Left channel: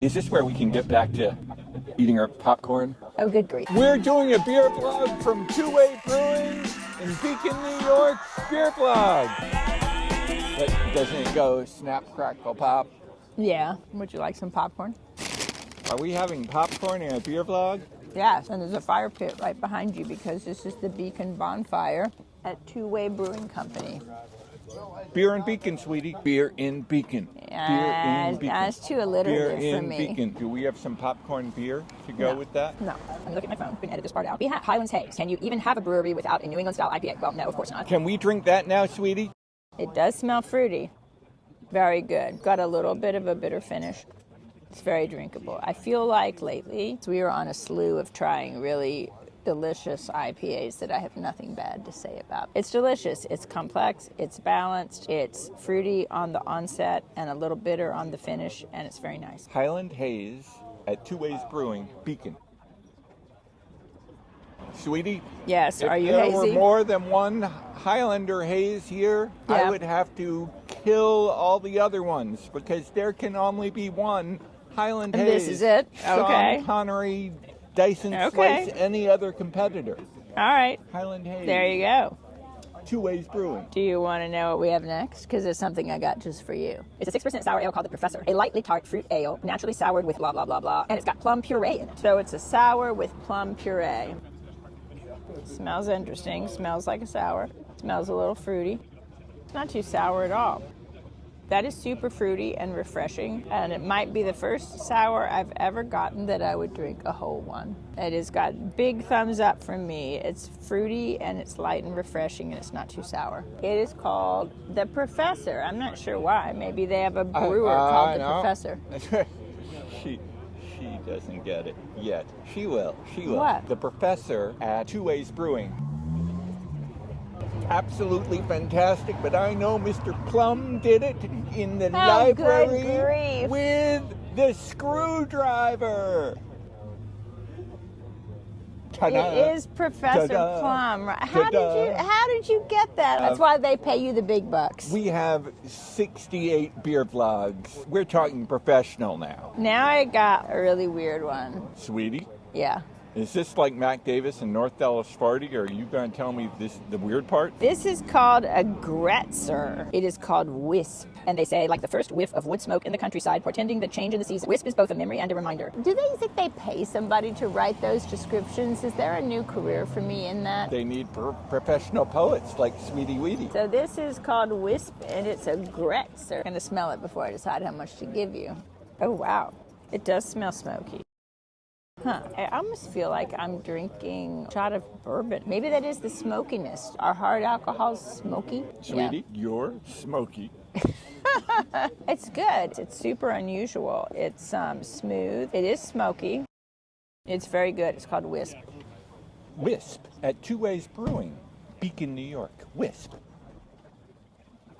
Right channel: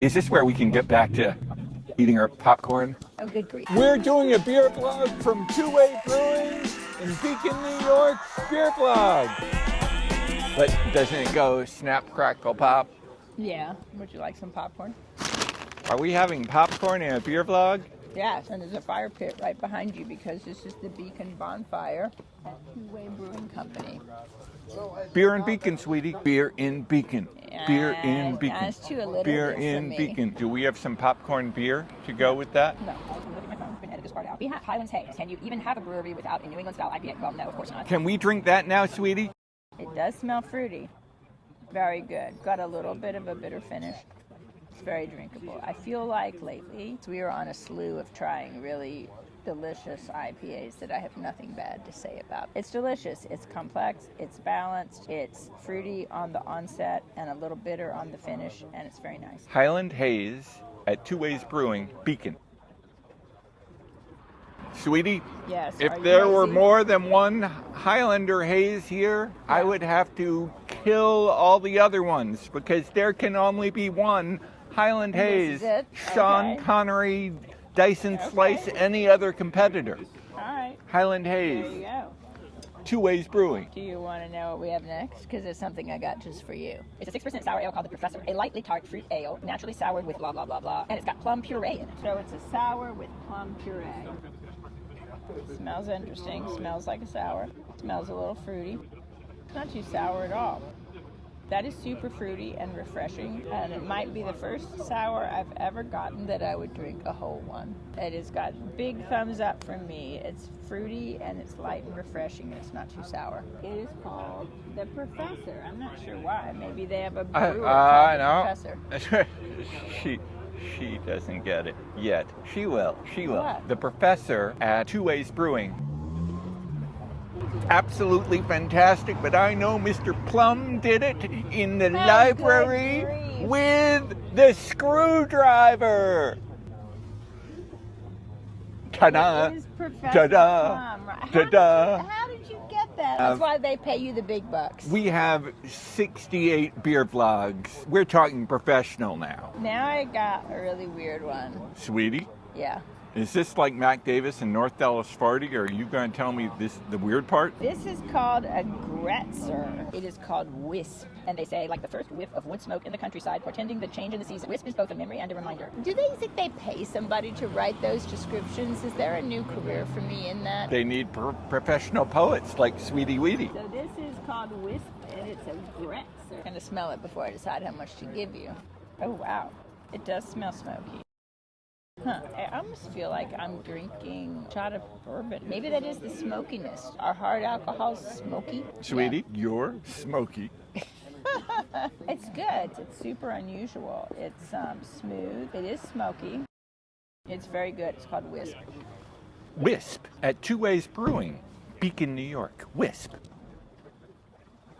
Is this where we can get back to eating our popcorn? Oh, good grief. We're doing a beer vlog from 2 Way Brewing in Beacon, New York. Beer vlog. But doesn't it go snap, crackle, pop? Yeah. Would you like some popcorn? Are we having popcorn in a beer vlog? Yes, and there's a fire pit right behind you because this is the Beacon bonfire at 2 Way Brewing Company. Beer in Beacon, sweetie. Beer in Beacon. Beer in Beacon. That's too alliterative Beer for in me. Beacon. Do we have some popcorn beer to go with that? No. I'm looking at my phone. We can edit this part out. We have Highlands Haze. Can you even have a brewery without a New England style IPA? Well, no, of course not. Can we drink that now, sweetie? It does smell fruity. Very good. Got a little bit of a bitter finish. It's very drinkable. I feel like lately we are on a slew of trying really delicious IPAs that I have nothing bad to say about. It's delicious, it's complex, it's balanced, it's fruity on the onset and a little bitter on the finish, and it's very nice. Highland Haze at 2 Ways Brewing, Beacon. Sweetie? Yes, If are you there were lazy? more than one Highlander Haze here, I Yeah. would have to kill all the other ones because there can only be one Highland And Haze. this is it? Sean Okay. Connery, Dyson Okay. Slice, any other competitor. All right, Highland Haze. there you go. 2 Ways Brewing. Do you want to know what we have next? Because it's something I got just for you. It's a 6% sour ale called the Professor. A lightly tart fruit ale, naturally soured with blah, blah, blah, blah. And it's got plum puree in it. So it's a sour with plum puree. Smells interesting. Smells like a sour. Smells a little fruity. It's not too sour at all. That is super fruity and refreshing. And it might be the first sour I've ever gotten that I would drink a whole one. It has got big thumbs up from me. It's fruity and it's light and refreshing and it's not too sour. It is called the Professor. I'm not sure why. Maybe they have a brewer called the Professor. She doesn't get it yet. She will. She will. What? The Professor at 2 Ways Brewing. Absolutely fantastic, but I know Mr. Plum did it in the library good grief. with the screwdriver. Ta-da. It is Professor Ta-da. Plum. Right? Ta-da. How did you get that? That's why they pay you the big bucks. We have 68 beer vlogs. We're talking professional now. Now I got a really weird one. Sweetie, Yeah. is this like Mac Davis and North Dallas Farty, or are you going to tell me the weird part? This is called a Grätzer. It is called WISP. And they say, like the first whiff of wood smoke in the countryside, portending the change in the season. WISP is both a memory and a reminder. Do they think they pay somebody to write those descriptions? Is there a new career for me in that? They need professional poets like Sweetie Weedy. So this is called WISP, and it's a Grätzer. I'm going to smell it before I decide how much to give you. Oh, wow. It does smell smoky. Huh. I almost feel like I'm drinking a shot of bourbon. Maybe that is the smokiness. Are hard alcohols smoky? Sweetie, you're smoky. Yeah. It's good. It's super unusual. It's smooth. It is smoky. It's very good. It's called WISP. Wisp at 2 Ways Brewing, Beacon, New York. Wisp.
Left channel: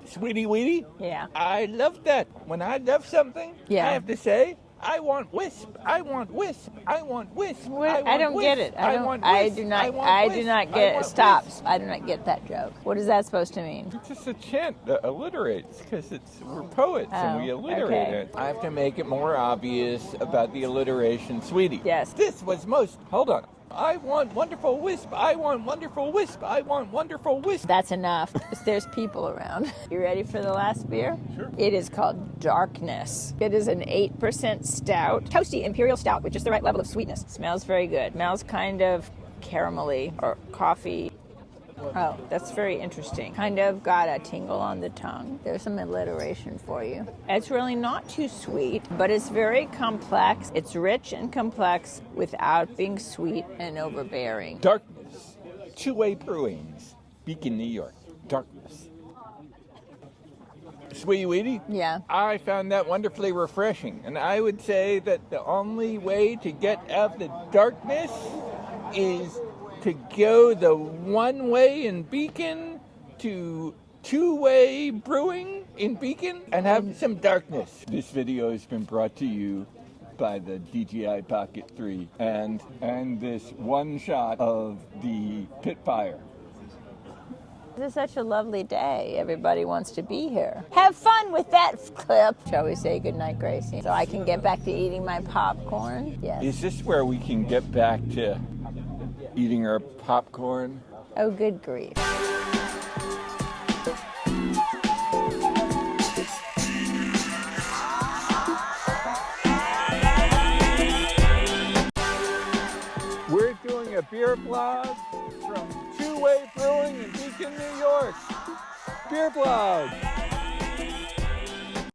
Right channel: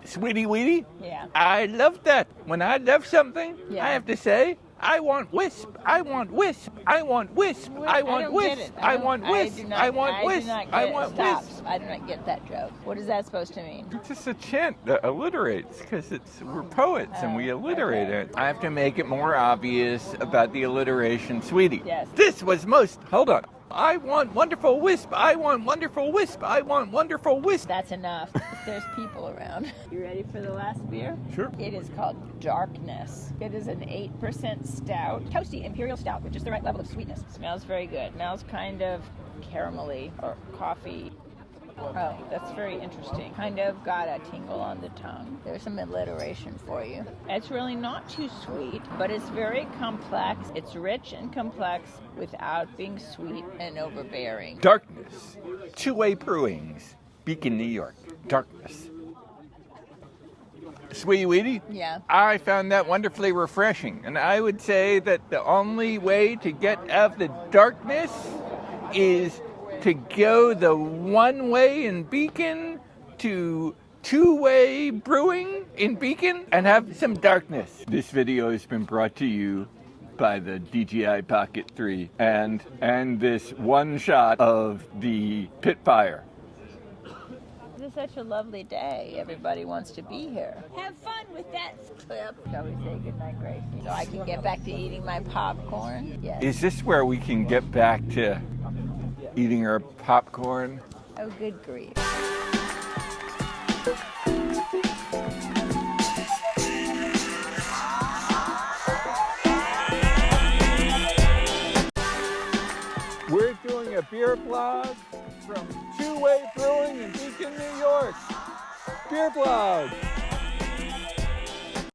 Sweetie Weedy? Yeah. I love that. When I love something, Yeah. I have to say, I want wisp. I want wisp. I want wisp. I want don't wisp. get it. I want I wisp. do not. I want I wisp. do not I get. want Stop. wisp. I do not get that joke. What is that supposed to mean? It's just a chant that alliterates because we're poets and we Oh, alliterate okay. it. I have to make it more obvious about the alliteration, sweetie. Yes. This was most. Hold on. I want wonderful wisp. I want wonderful wisp. I want wonderful wisp. That's enough. There's people around. You ready for the last beer? Sure. It is called Darkness. It is an 8% stout, toasty imperial stout with just the right level of sweetness. Smells very good. Smells kind of caramelly or coffee. Oh, that's very interesting. Kind of got a tingle on the tongue. There's some alliteration for you. It's really not too sweet, but it's very complex. It's rich and complex without being sweet and overbearing. Darkness. 2 Way Brewings, Beacon, New York. Darkness. Sweetie Weedy? Yeah. I found that wonderfully refreshing, and I would say that the only way to get out of the darkness is to go the one way in Beacon to 2 Way Brewing in Beacon and have some darkness. This video has been brought to you by the DJI Pocket 3 and this one shot of the pit fire. This is such a lovely day. Everybody wants to be here. Have fun with that clip. Shall we say goodnight, Gracie? So I can get back to eating my popcorn? Yes. Is this where we can get back to eating our popcorn? Oh, good grief. We're doing a beer vlog from 2 Way Brewing in Beacon, New York. BeerVlog.